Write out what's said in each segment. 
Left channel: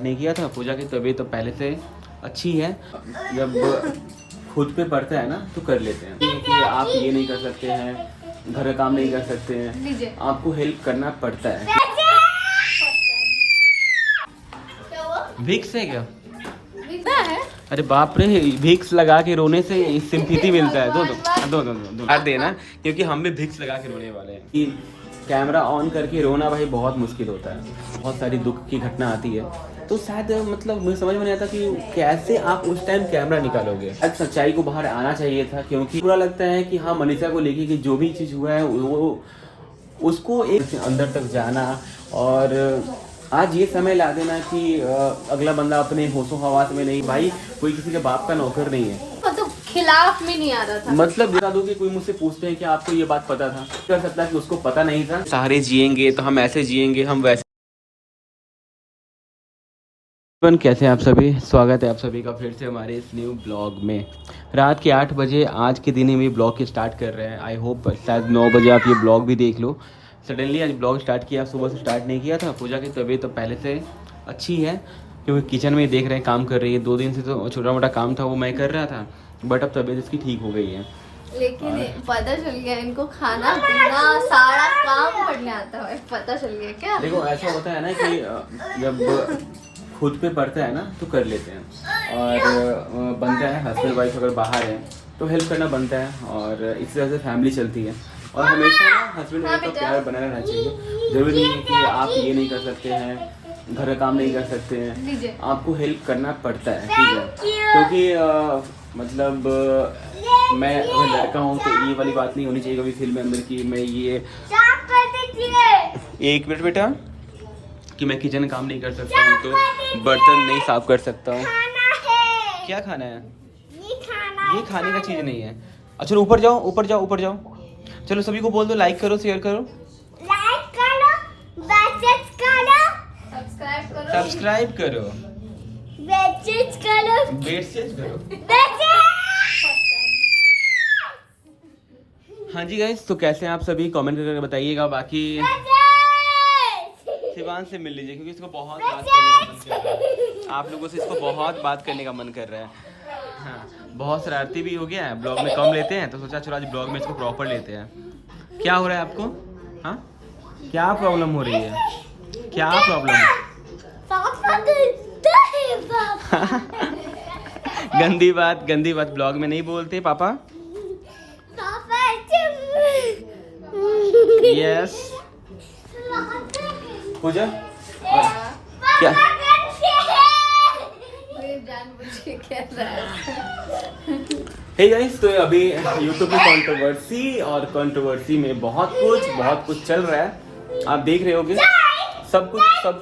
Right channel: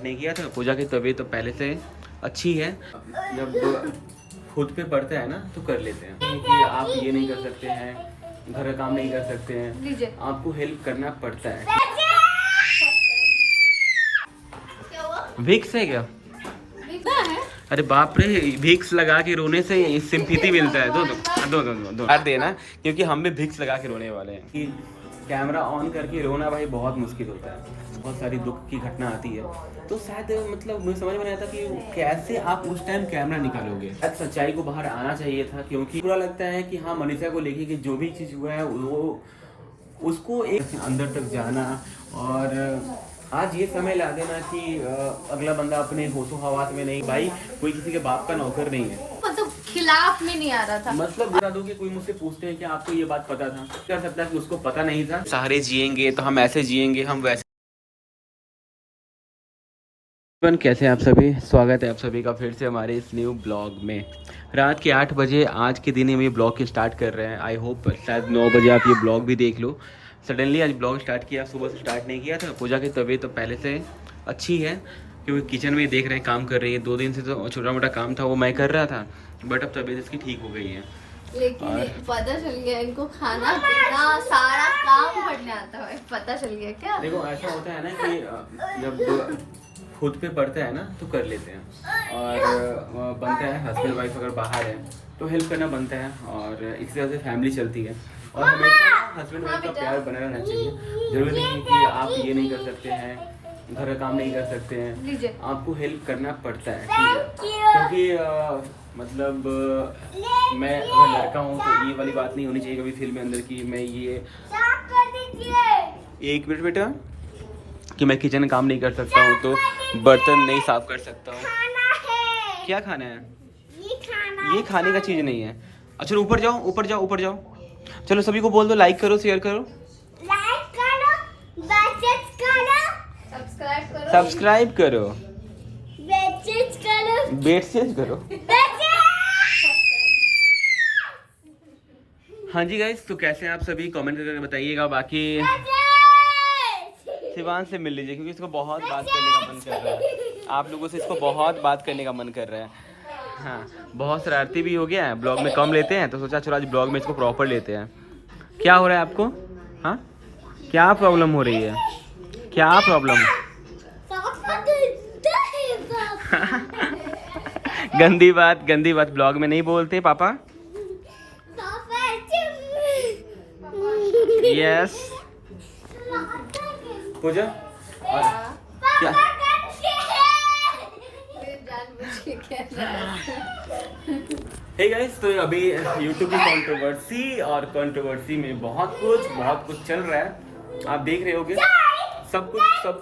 नहीं किया था। पूजा की तबीयत तो पहले से अच्छी है। जब खुद पे पड़ता है ना तो कर लेते हैं कि आप ये नहीं कर सकते हैं, घर का काम नहीं कर सकते हैं, आपको हेल्प करना पड़ता है। विक्स है क्या? अरे बाप रे, विक्स लगा के रोने से सिंपैथी मिलता है। दो यार देना, क्योंकि हम भी विक्स लगा के रोने वाले हैं। कि कैमरा ऑन करके रोना भाई बहुत मुश्किल होता है। बहुत सारी दुख की घटना आती है, तो शायद मतलब मुझे समझ में नहीं आता कि कैसे आप उस टाइम कैमरा निकालोगे। आज सच्चाई को बाहर आना चाहिए था, क्योंकि बुरा लगता है कि हाँ, मनीषा को लेके कि जो भी चीज़ हुआ है वो उसको एक अंदर तक जाना, और आज ये समय ला देना कि अगला बंदा अपने होशो हवास में नहीं। भाई कोई किसी के बाप का नौकर नहीं है। मतलब खिलाफ में नहीं आ रहा था। मतलब बता दो कि कोई मुझसे पूछते हैं कि आपको ये बात पता था, कर सकता है कि उसको पता नहीं था। सारे जिएंगे तो हम ऐसे जिएंगे, हम वैसे। कैसे हैं आप सभी? स्वागत है आप सभी का फिर से हमारे इस न्यू ब्लॉग में। रात के 8 बजे आज के दिन हम ये ब्लॉग की स्टार्ट कर रहे हैं। आई होप शायद 9 बजे आप ये ब्लॉग भी देख लो। सडनली आज ब्लॉग स्टार्ट किया, सुबह से स्टार्ट नहीं किया था। पूजा की तबीयत तो पहले से अच्छी है, क्योंकि किचन में देख रहे हैं काम कर रही है। 2 दिन से तो छोटा मोटा काम था वो मैं कर रहा था, बट अब तबीयत इसकी ठीक हो गई है। लेकिन पता चल गया इनको खाना पीना सारा काम करने आता है। पता चल गया क्या? देखो ऐसा होता है ना कि जब खुद पे पड़ता है ना तो कर लेते हैं, और बनता है। हस्बैंड वाइफ अगर बाहर है तो हेल्प करना बनता है, और इस तरह से फैमिली चलती है। और हमेशा ना हस्बैंड वाइफ का प्यार बना रहना चाहिए। जरूरी नहीं है कि आप ये नहीं कर सकते हैं, घर का काम नहीं कर सकते हैं, आपको हेल्प करना पड़ता है, ठीक है। क्योंकि मतलब मैं अगर लड़का हूँ तो ये वाली बात नहीं होनी चाहिए कभी फील में अंदर की मैं ये एक मिनट बेटा कि मैं किचन काम नहीं कर सकता हूँ, तो बर्तन नहीं साफ कर सकता हूँ। क्या खाना है? ये खाने का चीज़ नहीं है। अच्छा ऊपर जाओ, ऊपर जाओ, ऊपर जाओ। चलो सभी को बोल दो, लाइक करो, शेयर करो, सब्सक्राइब करो, बेट करो। हाँ जी गाइस, तो कैसे हैं आप सभी? कमेंट करके बताइएगा। बाकी शिवान से मिल लीजिए, क्योंकि इसको बहुत बात करने का मन कर रहा है। आप लोगों से इसको बहुत बात करने का मन कर रहा है। हाँ, बहुत शरारती भी हो गया है। ब्लॉग में कम लेते हैं तो सोचा चलो आज ब्लॉग में इसको प्रॉपर लेते हैं। क्या हो रहा है आपको? हाँ, क्या प्रॉब्लम हो रही है? क्या प्रॉब्लम? गंदी बात ब्लॉग में नहीं बोलते पापा। यस पूजा क्या हे गाइस, तो अभी यूट्यूब की कंट्रोवर्सी में बहुत कुछ चल रहा है। आप देख रहे होगे, सब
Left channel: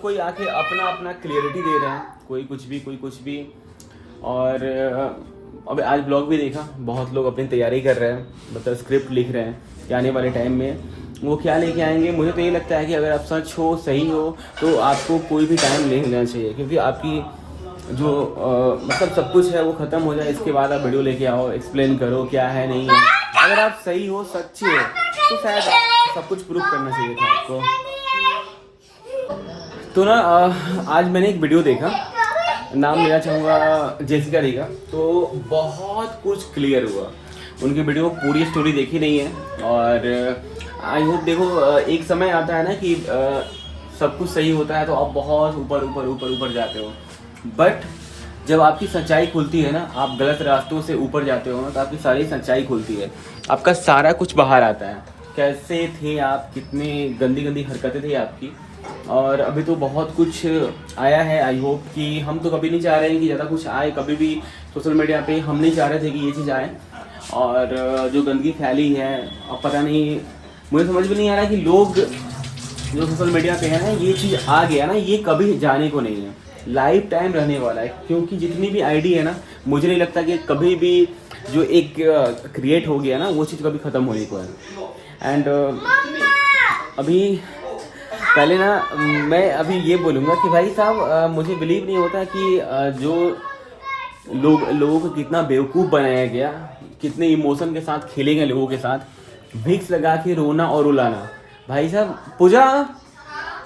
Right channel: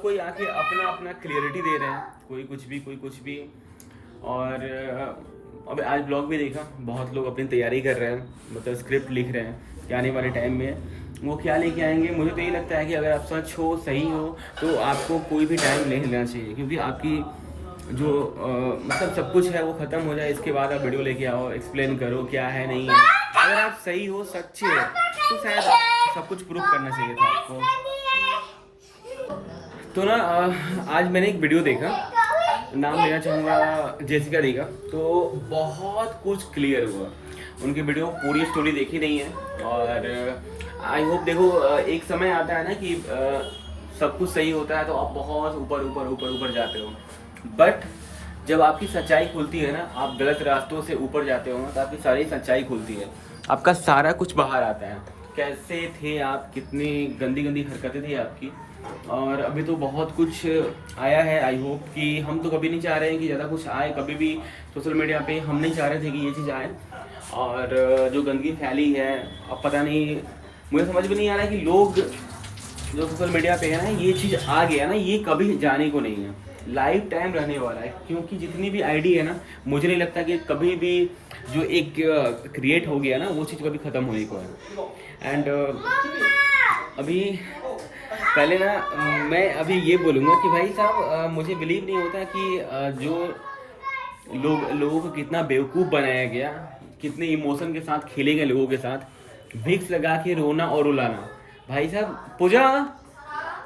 कोई आके अपना क्लियरिटी दे रहे हैं। कोई कुछ भी। और अभी आज ब्लॉग भी देखा, बहुत लोग अपनी तैयारी कर रहे हैं, मतलब स्क्रिप्ट लिख रहे हैं कि आने वाले टाइम में वो क्या लेके आएंगे। मुझे तो ये लगता है कि अगर आप सच हो, सही हो, तो आपको कोई भी टाइम ले लेना चाहिए, क्योंकि आपकी जो मतलब सब कुछ है वो ख़त्म हो जाए, इसके बाद आप वीडियो लेके आओ, एक्सप्लेन करो क्या है नहीं है। अगर आप सही हो, सच्चे हो, तो शायद सब कुछ प्रूफ करना चाहिए था आपको। तो ना आज मैंने एक वीडियो देखा, नाम लेना चाहूँगा जेसिका दी का। तो बहुत कुछ क्लियर हुआ। उनकी वीडियो पूरी स्टोरी देखी नहीं है, और आई होप देखो एक समय आता है ना कि सब कुछ सही होता है तो आप बहुत ऊपर जाते हो, बट जब आपकी सच्चाई खुलती है ना, आप गलत रास्तों से ऊपर जाते हो ना, तो आपकी सारी सच्चाई खुलती है, आपका सारा कुछ बाहर आता है। कैसे थे आप, कितनी गंदी हरकतें थी आपकी, और अभी तो बहुत कुछ आया है। आई होप कि हम तो कभी नहीं चाह रहे हैं कि ज़्यादा कुछ आए, कभी भी सोशल मीडिया पे हम नहीं चाह रहे थे कि ये चीज़ आए। और जो गंदगी फैली है, अब पता नहीं, मुझे समझ भी नहीं आ रहा कि लोग जो सोशल मीडिया पे है ना, ये चीज़ आ गया ना, ये कभी जाने को नहीं है, लाइफ टाइम रहने वाला है। क्योंकि जितनी भी आईडी है ना, मुझे नहीं लगता कि कभी भी जो एक क्रिएट हो गया ना, वो चीज़ कभी ख़त्म होने को है। एंड अभी पहले ना मैं अभी ये बोलूँगा कि भाई साहब, मुझे बिलीव नहीं होता कि जो लोगों को कितना बेवकूफ़ बनाया गया, कितने इमोशन के साथ खेले गए लोगों के साथ। विक्स लगा के रोना और रुलाना। भाई साहब, पूजा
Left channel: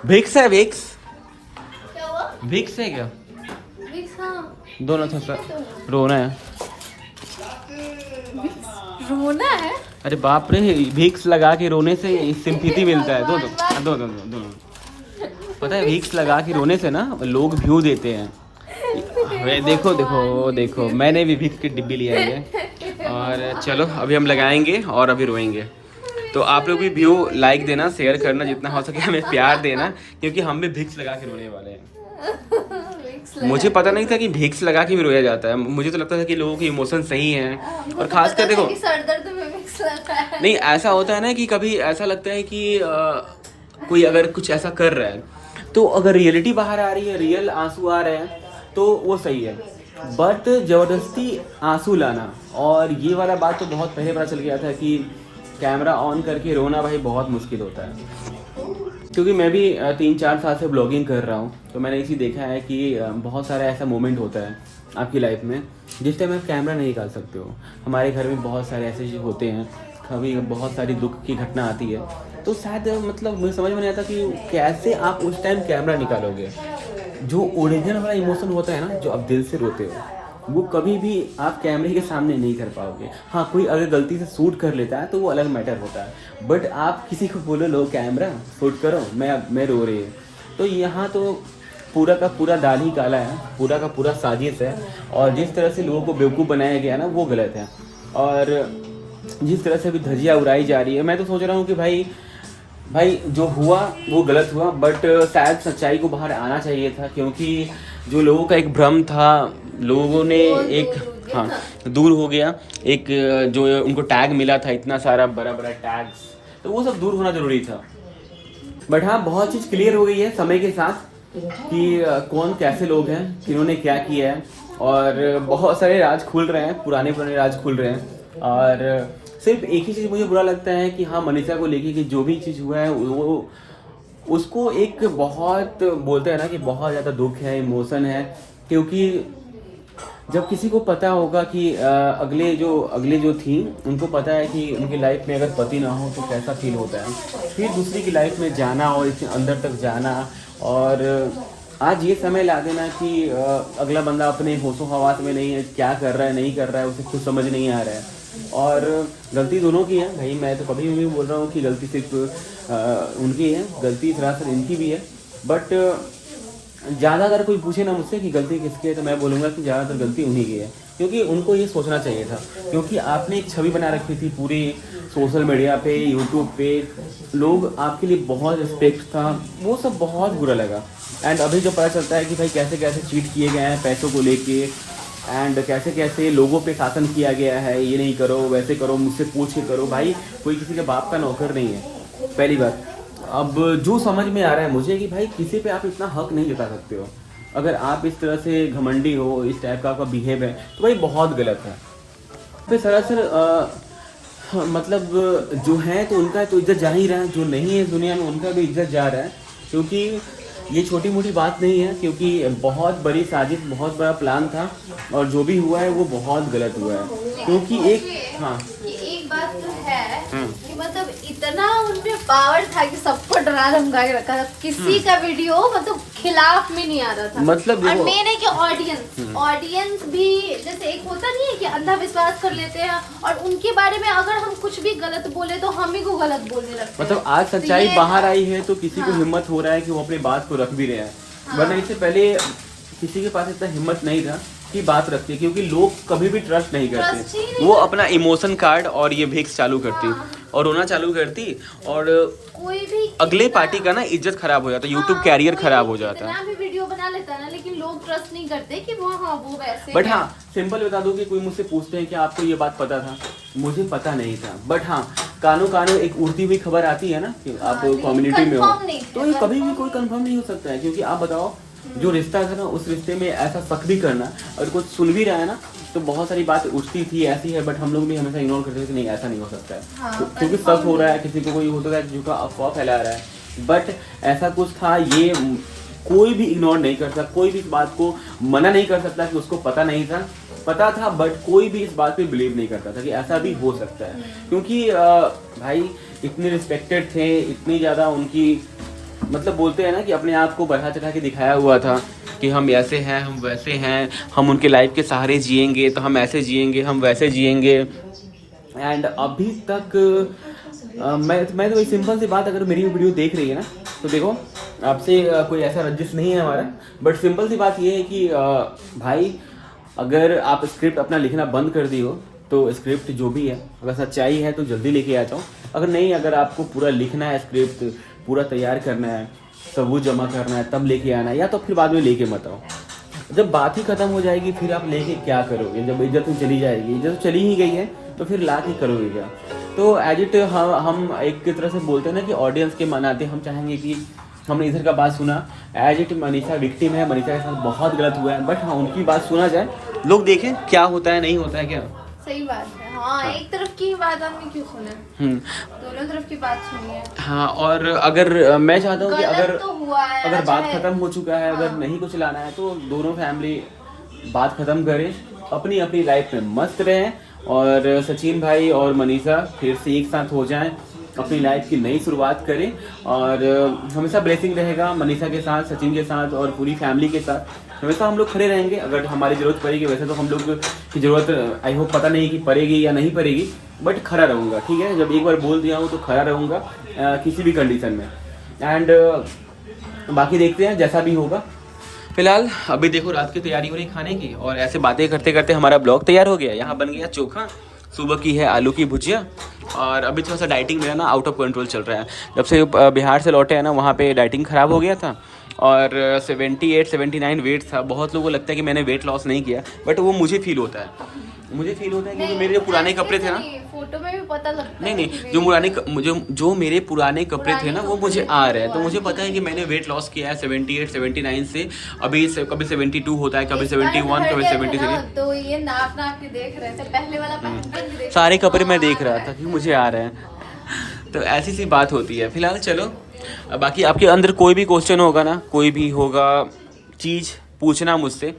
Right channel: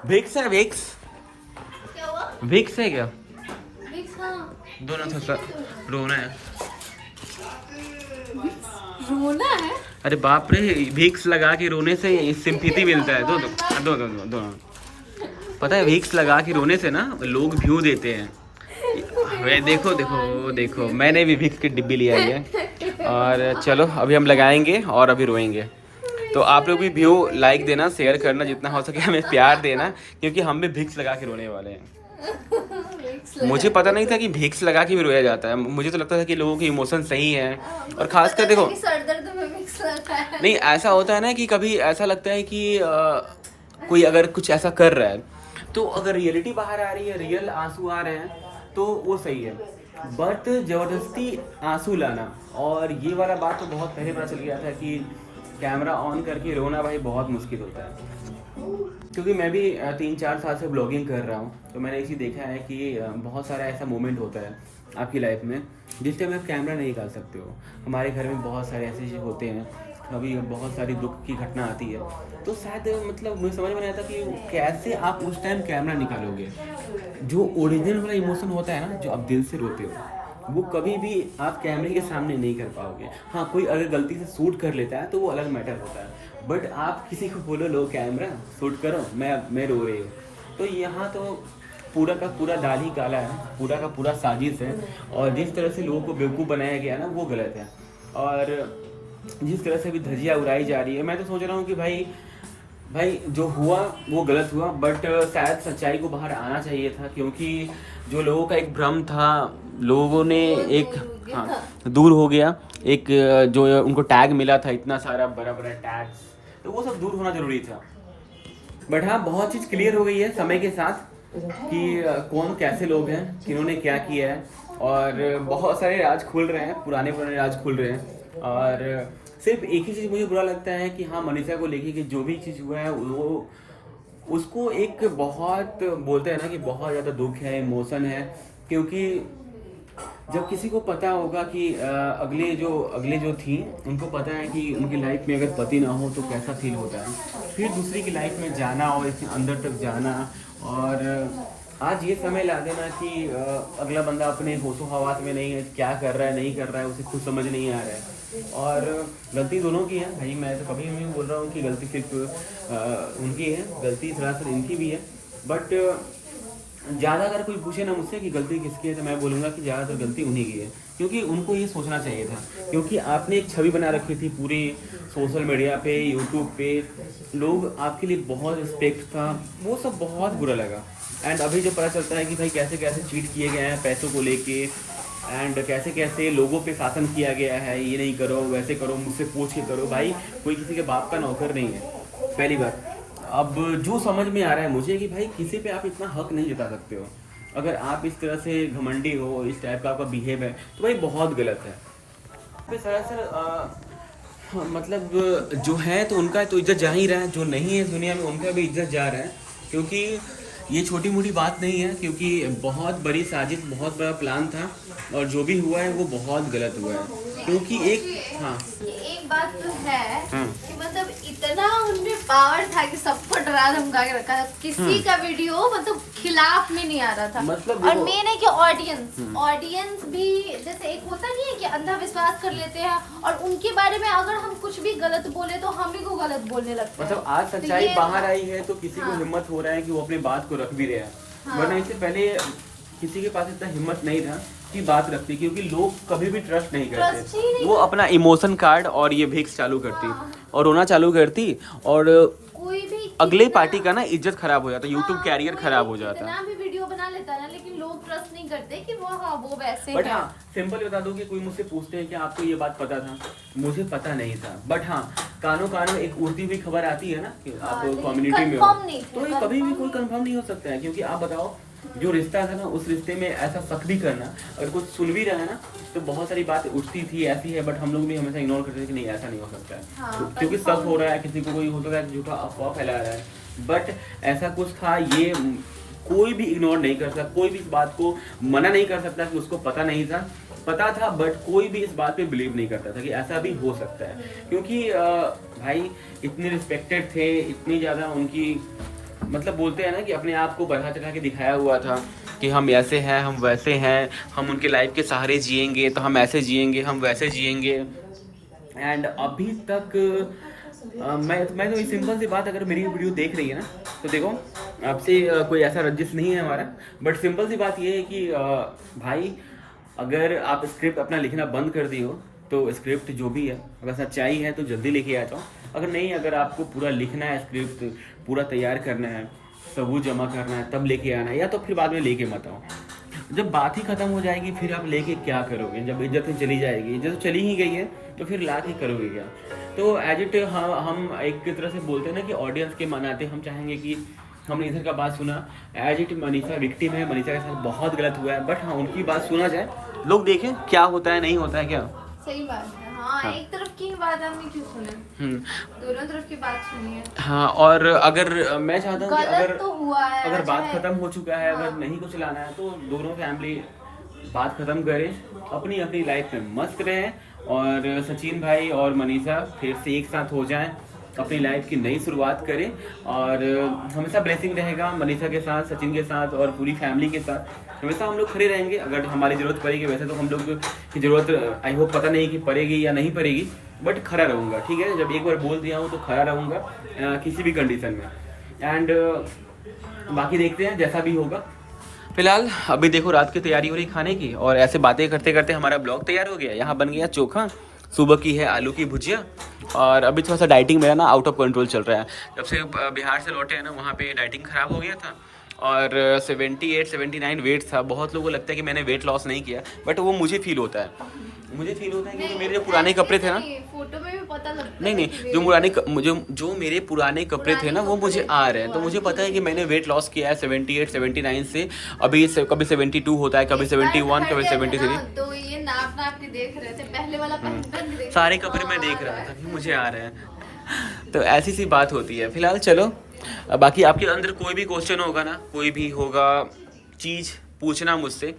विक्स है? विक्स है क्या? दोनों थोड़ा रोना है। रोना है? अरे बाप रे, विक्स लगा के रोने से सिंपैथी मिलता है। दो पता है, विक्स लगा के रोने से ना लोग व्यू देते हैं। अरे देखो देखो देखो, मैंने भी विक्स की डिब्बी लिया है। और चलो अभी हम लगाएंगे और अभी रोएंगे। तो आप लोग भी व्यू लाइक देना, शेयर करना, जितना हो सके हमें प्यार देना, क्योंकि हम भी विक्स लगा के रोने वाले हैं। मुझे पता नहीं था कि विक्स लगा के भी रोया जाता है। मुझे तो लगता था कि लोगों के इमोशन सही हैं। और खासकर देखो, नहीं ऐसा होता है ना कि कभी ऐसा लगता है कि कोई अगर कुछ ऐसा कर रहा है तो अगर रियलिटी बाहर आ रही है, रियल आंसू आ रहे हैं तो वो सही है। बट ज़बरदस्ती आंसू लाना, और ये वाला बात तो बहुत पहले पता चल गया था कि कैमरा ऑन करके रोना भाई बहुत मुश्किल होता है। क्योंकि मैं भी 3-4 साल से ब्लॉगिंग कर रहा हूँ, तो मैंने इसी देखा है कि बहुत सारा ऐसा मोमेंट होता है आपकी लाइफ में जिस टाइम आप कैमरा नहीं निकाल सकते हो। हमारे घर में बहुत सारे ऐसे चीज़ होते हैं, कभी बहुत सारी दुख की घटना आती है, तो शायद मतलब मुझे समझ में नहीं आता कि कैसे आप उस टाइम कैमरा निकालोगे। जो ओरिजिनल वाला इमोशन होता है ना, जो आप दिल से रोते हो, वो कभी भी आप कैमरे के सामने नहीं कर पाओगे। हाँ, कोई अगर गलती से शूट कर लेता है तो वो अलग मैटर होता है, बट आप किसी को बोलो लो कैमरा शूट करो, मैं रो रही हूँ, तो यहाँ तो पूरा का पूरा दाल ही काला है, पूरा का पूरा साजिश है। और जिस तरह से लोगों को बेवकूफ़ बनाया गया ना, वो गलत है। और जिस तरह से अभी धज्जियाँ उड़ाई जा रही है, मैं तो सोच रहा हूँ कि भाई जो हुआ वो गलत हुआ, बट शायद सच्चाई को बाहर आना चाहिए था। क्योंकि जो लोगों का एक भ्रम था, लोगों ने एक दूर हो गया। एक जो उनको टैग मिला था, इतना सारा बड़ा बड़ा टैग्स, तो वो सब दूर होना ज़रूरी था। बट हाँ, बहुत चीज़ क्लियर हो गई है समय के साथ कि कौन कैसे लोग हैं, किन्होंने क्या किया है, और बहुत सारे राज खुल रहे हैं, पुराने राज खुल रहे हैं। और सिर्फ एक ही चीज़ मुझे बुरा लगता है कि हाँ, मनीषा को लेके कि जो भी चीज़ हुआ है वो उसको एक बहुत बोलते हैं ना कि बहुत ज़्यादा दुख है, इमोशन है। क्योंकि जब किसी को पता होगा कि अगले जो थी उनको पता है कि उनकी लाइफ में अगर पति ना हो तो कैसा फील होता है, फिर दूसरी की लाइफ में जाना और इसके अंदर तक जाना, और आज ये समय ला देना कि अगला बंदा अपने होशो हवास में नहीं है, क्या कर रहा है नहीं कर रहा है उसे खुद समझ नहीं आ रहा है। और गलती दोनों की है भाई, मैं तो कभी भी बोल रहा हूँ कि गलती सिर्फ उनकी है, गलती सरासर इनकी भी है। बट ज़्यादा अगर कोई पूछे ना मुझसे कि गलती किसकी है, तो मैं बोलूँगा कि ज़्यादातर गलती उन्हीं की है। क्योंकि उनको ये सोचना चाहिए था, क्योंकि आपने एक छवि बना रखी थी पूरी सोशल मीडिया पे, यूट्यूब पे, लोग आपके लिए बहुत रिस्पेक्ट था, वो सब बहुत बुरा लगा। एंड अभी जो पता चलता है कि भाई कैसे कैसे चीट किए गए हैं पैसों को लेके, एंड कैसे कैसे लोगों पे शासन किया गया है, ये नहीं करो वैसे करो, मुझसे पूछ के करो। भाई कोई किसी के बाप का नौकर नहीं है, पहली बात। अब जो समझ में आ रहा है मुझे कि भाई किसी पे आप इतना हक नहीं जता सकते हो। अगर आप इस तरह से घमंडी हो, इस टाइप का आपका बिहेव है, तो भाई बहुत गलत है। फिर सरासर मतलब जो है तो उनका तो इज्जत जा ही रहा है, जो नहीं है दुनिया में उनका भी इज्जत जा रहा है। क्योंकि ये छोटी मोटी बात नहीं है, क्योंकि बहुत बड़ी साजिश, बहुत बड़ा प्लान था, और जो भी हुआ है वो बहुत गलत हुआ है। क्योंकि एक बात तो है कि मतलब इतना उनमें पावर था कि सबको डरा धमका के रखा था, किसी का वीडियो मतलब खिलाफ में नहीं आ रहा था। मतलब और मेन है कि ऑडियंस भी जैसे एक होता नहीं है कि अंधा विश्वास कर लेते हैं, और उनके बारे में अगर हम कुछ भी गलत बोले तो हम ही को गलत बोलने लगते हैं। मतलब आज सच्चाई बाहर आई है तो किसी को हिम्मत हो रहा है कि वो अपनी बात को रख भी रहे हैं, वरना इससे पहले किसी के पास इतना हिम्मत नहीं था की बात रखती, क्योंकि लोग कभी भी ट्रस्ट नहीं करते। वो अपना इमोशन कार्ड और ये विक्स चालू करती और रोना चालू करती, और कोई भी अगले पार्टी का ना इज्जत खराब हो जाता, यूट्यूब कैरियर खराब हो जाता है। भी वीडियो बना लेता है ना, लेकिन लोग ट्रस्ट नहीं करते कि वो वो वैसे। बट हाँ, सिंपल बता दूं कि कोई मुझसे पूछते हैं कि आपको ये बात पता था, मुझे पता नहीं था। बट हाँ, कानो एक उड़ती हुई खबर आती है ना कि आप कम्युनिटी में हो, तो ये कभी भी कोई कंफर्म नहीं हो सकता है। क्योंकि आप बताओ, जो रिश्ता था ना, उस रिश्ते में ऐसा शक भी करना, अगर कुछ सुन भी रहा है ना, तो बहुत सारी बात उठती थी ऐसी है, बट हम लोग भी हमेशा इग्नोर करते थे कि नहीं ऐसा नहीं हो सकता है। क्योंकि शक हो रहा है, किसी को कोई होता है जो का अफवाह फैला रहा है, बट ऐसा कुछ था, ये कोई भी इग्नोर नहीं कर सकता, कोई भी इस बात को मना नहीं कर सकता कि उसको पता नहीं था। पता था, बट कोई भी इस बात पे बिलीव नहीं करता था कि ऐसा भी हो सकता है। क्योंकि भाई इतने रिस्पेक्टेड थे, इतनी ज़्यादा उनकी मतलब बोलते हैं ना कि अपने आप को बढ़ा चढ़ा के दिखाया हुआ था कि हम ऐसे हैं, हम वैसे हैं, हम उनके लाइफ के सहारे जिएंगे, तो हम ऐसे जिएंगे, हम वैसे जिएंगे। एंड अभी तक मैं तो वही सिंपल सी बात, अगर मेरी वीडियो देख रही है ना तो देखो, आपसे कोई ऐसा रंजिश नहीं है हमारा, बट सिंपल सी बात ये है कि भाई अगर आप स्क्रिप्ट अपना लिखना बंद कर दी हो तो स्क्रिप्ट जो भी है, अगर सच्चाई है तो जल्दी लेके आ जाओ, अगर नहीं, अगर आपको पूरा लिखना है, स्क्रिप्ट पूरा तैयार करना है, सबूत जमा करना है, तब लेके आना है, या तो फिर बाद में लेके मत आओ। जब बात ही खत्म हो जाएगी फिर आप लेके क्या करोगे? जब इज्जत ही चली जाएगी, इज्जत चली ही गई है तो फिर ला के करोगे क्या? तो एज इट हम एक तरह से बोलते हैं ना कि ऑडियंस के मनाते हम चाहेंगे कि हमने इधर का बात सुना, एज इट मनीषा विक्टिम है, मनीषा के साथ बहुत गलत हुआ है, बट हाँ उनकी बात सुना जाए, लोग देखें क्या होता है, नहीं होता है क्या। सही बात है। हाँ, एक तरफ की बात आदमी क्यों सुने, दोनों तरफ की बात सुनिए। हाँ, और अगर मैं चाहता हूँ कि अगर तो हुआ है, अगर बात खत्म हो चुका है, अगर नहीं कुछ लाना है तो दोनों फैमिली बात खत्म करें, अपनी अपनी लाइफ में मस्त रहें, और सचिन भाई और मनीषा फिर से एक साथ हो जाएं, अपनी लाइफ की नई शुरुआत करें, और हमेशा ब्लेसिंग रहेगा मनीषा के साथ, सचिन के साथ और पूरी फैमिली के साथ। हमेशा हम लोग खड़े रहेंगे, अगर हमारी ज़रूरत पड़ेगी, वैसे तो हम लोग की ज़रूरत आई होप पता नहीं कि पड़ेगी या नहीं पड़ेगी, बट खड़ा रहूँगा, ठीक है। जब एक बार बोल दिया हूँ तो खड़ा रहूँगा किसी भी कंडीशन में। एंड बाकी देखते हैं जैसा भी होगा। फिलहाल अभी देखो रात की तैयारी हो रही खाने की, और ऐसे बातें करते करते हमारा ब्लॉग तैयार हो गया। यहाँ बन गया चोखा, सुबह की है आलू की भुजिया, और अभी थोड़ा सा डाइटिंग मेरा ना आउट ऑफ कंट्रोल चल रहा है। जब से बिहार से लौटे हैं ना, वहाँ पे डाइटिंग ख़राब हो गया था, और 78-79 वेट था। बहुत लोगों को लगता है कि मैंने वेट लॉस नहीं किया, बट वो मुझे फील होता है, क्योंकि मेरे जो पुराने कपड़े थे ना, फोटो में भी पता लगता नहीं जो मेरे पुराने कपड़े थे ना वो मुझे आ रहे हैं, तो मुझे पता है कि मैंने वेट लॉस किया है 78-79 से। अभी कभी 72 होता है, कभी 71, कभी 73। तो ये नाप के देख रहे थे, पहले वाला सारे कपड़े मैं देख रहा था कि मुझे आ रहे हैं, तो ऐसी सी बात होती है। फिलहाल चलो, बाकी आपके अंदर कोई भी क्वेश्चन होगा ना, कोई भी होगा चीज़ पूछना मुझसे,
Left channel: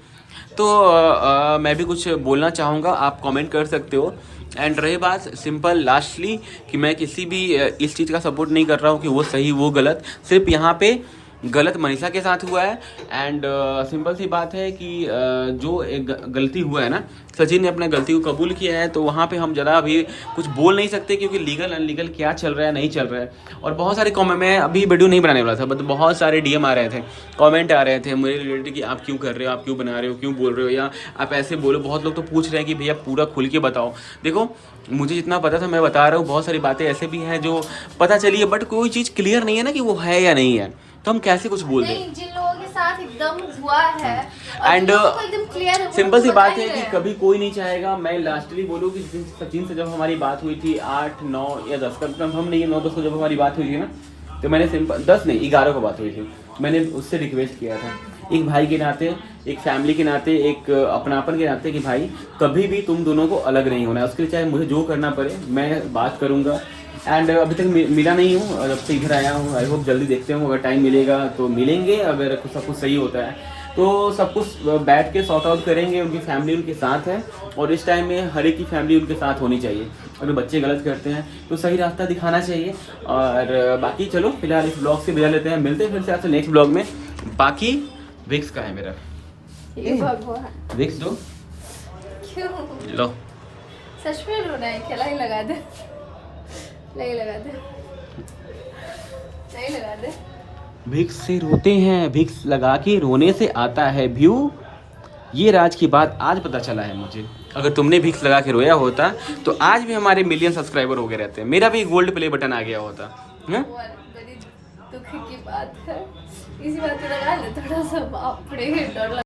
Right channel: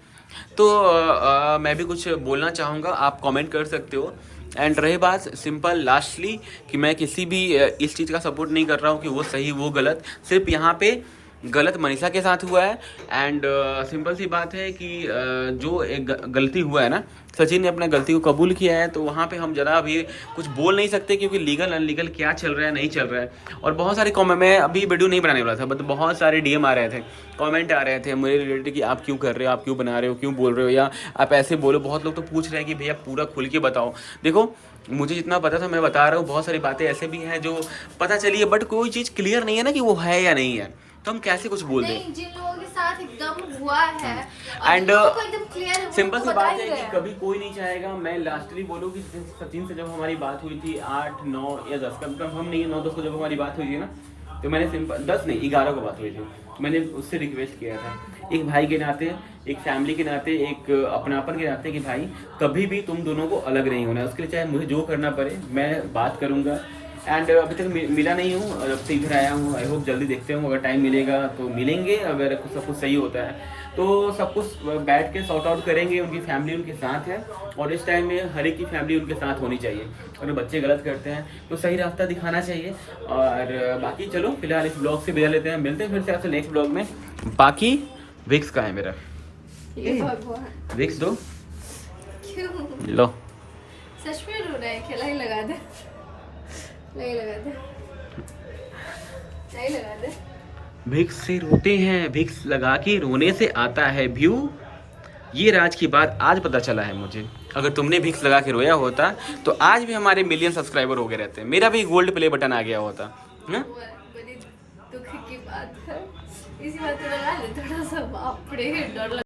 तो मैं भी कुछ बोलना चाहूँगा, आप कमेंट कर सकते हो। एंड रही बात सिंपल लास्टली कि मैं किसी भी इस चीज़ का सपोर्ट नहीं कर रहा हूँ कि वो सही वो गलत, सिर्फ यहाँ पे गलत मनीषा के साथ हुआ है। एंड सिंपल सी बात है कि जो एक गलती हुआ है ना, सचिन ने अपना गलती को कबूल किया है, तो वहाँ पे हम ज़रा अभी कुछ बोल नहीं सकते, क्योंकि लीगल अनलीगल क्या चल रहा है नहीं चल रहा है। और बहुत सारे कमेंट, मैं अभी वीडियो नहीं बनाने वाला था, बट बहुत सारे DM आ रहे थे, कमेंट आ रहे थे मेरे रिलेटेड कि आप क्यों कर रहे हो, आप क्यों बना रहे हो, क्यों बोल रहे हो, या आप ऐसे बोलो। बहुत लोग तो पूछ रहे हैं कि भैया पूरा खुल के बताओ। देखो मुझे जितना पता था मैं बता रहा हूँ, बहुत सारी बातें ऐसे भी हैं जो पता चली है, बट कोई चीज़ क्लियर नहीं है ना कि वो है या नहीं है, तो हम कैसे कुछ बोल दें। जिन लोगों के साथ एकदम हुआ है एंड एकदम क्लियर है, सिंपल सी बात है कि कभी कोई नहीं चाहेगा, मैं लास्टली बोलूँ कि सचिन से जब हमारी बात हुई थी 8, 9 या 10 कम हम नहीं 9-10 को जब हमारी बात हुई थी ना, तो मैंने सिंपल 10 नहीं 11 को बात हुई थी, मैंने उससे रिक्वेस्ट किया था एक भाई के नाते, एक फैमिली के नाते, एक अपनापन के नाते कि भाई कभी भी तुम दोनों को अलग नहीं होना है, उसके लिए चाहे मुझे जो करना पड़े मैं बात करूँगा। एंड अभी तक मिला नहीं हूँ, जब से इधर आया हूँ, आई होप जल्दी देखते हूँ, अगर टाइम मिलेगा तो मिलेंगे, अगर कुछ सब कुछ सही होता है तो सब कुछ बैठ के सॉर्ट आउट करेंगे। उनकी फैमिली उनके साथ है, और इस टाइम में हर एक की फैमिली उनके साथ होनी चाहिए। अगर बच्चे गलत करते हैं तो सही रास्ता दिखाना चाहिए। और बाकी चलो फिलहाल इस ब्लॉग से विदा लेते हैं, मिलते हैं फिर से आपसे नेक्स्ट ब्लॉग में। बाकी विक्स का है मेरा, विक्स दो, क्यों लो सच में रोना है, खिला ही लगा दे, नहीं लगा दे, नहीं लगा दे। विक्स से रोते हैं, विक्स लगा के रोने से आता है व्यू। ये राज की बात आज पता चला है मुझे। अगर तुमने विक्स लगा के रोया होता तो आज भी हमारे मिलियन सब्सक्राइबर हो गए रहते, मेरा भी गोल्ड प्ले बटन आ गया होता है। बड़ी दुख की बात है, इसी बात पे लगा ले थोड़ा सा, बाप रे डर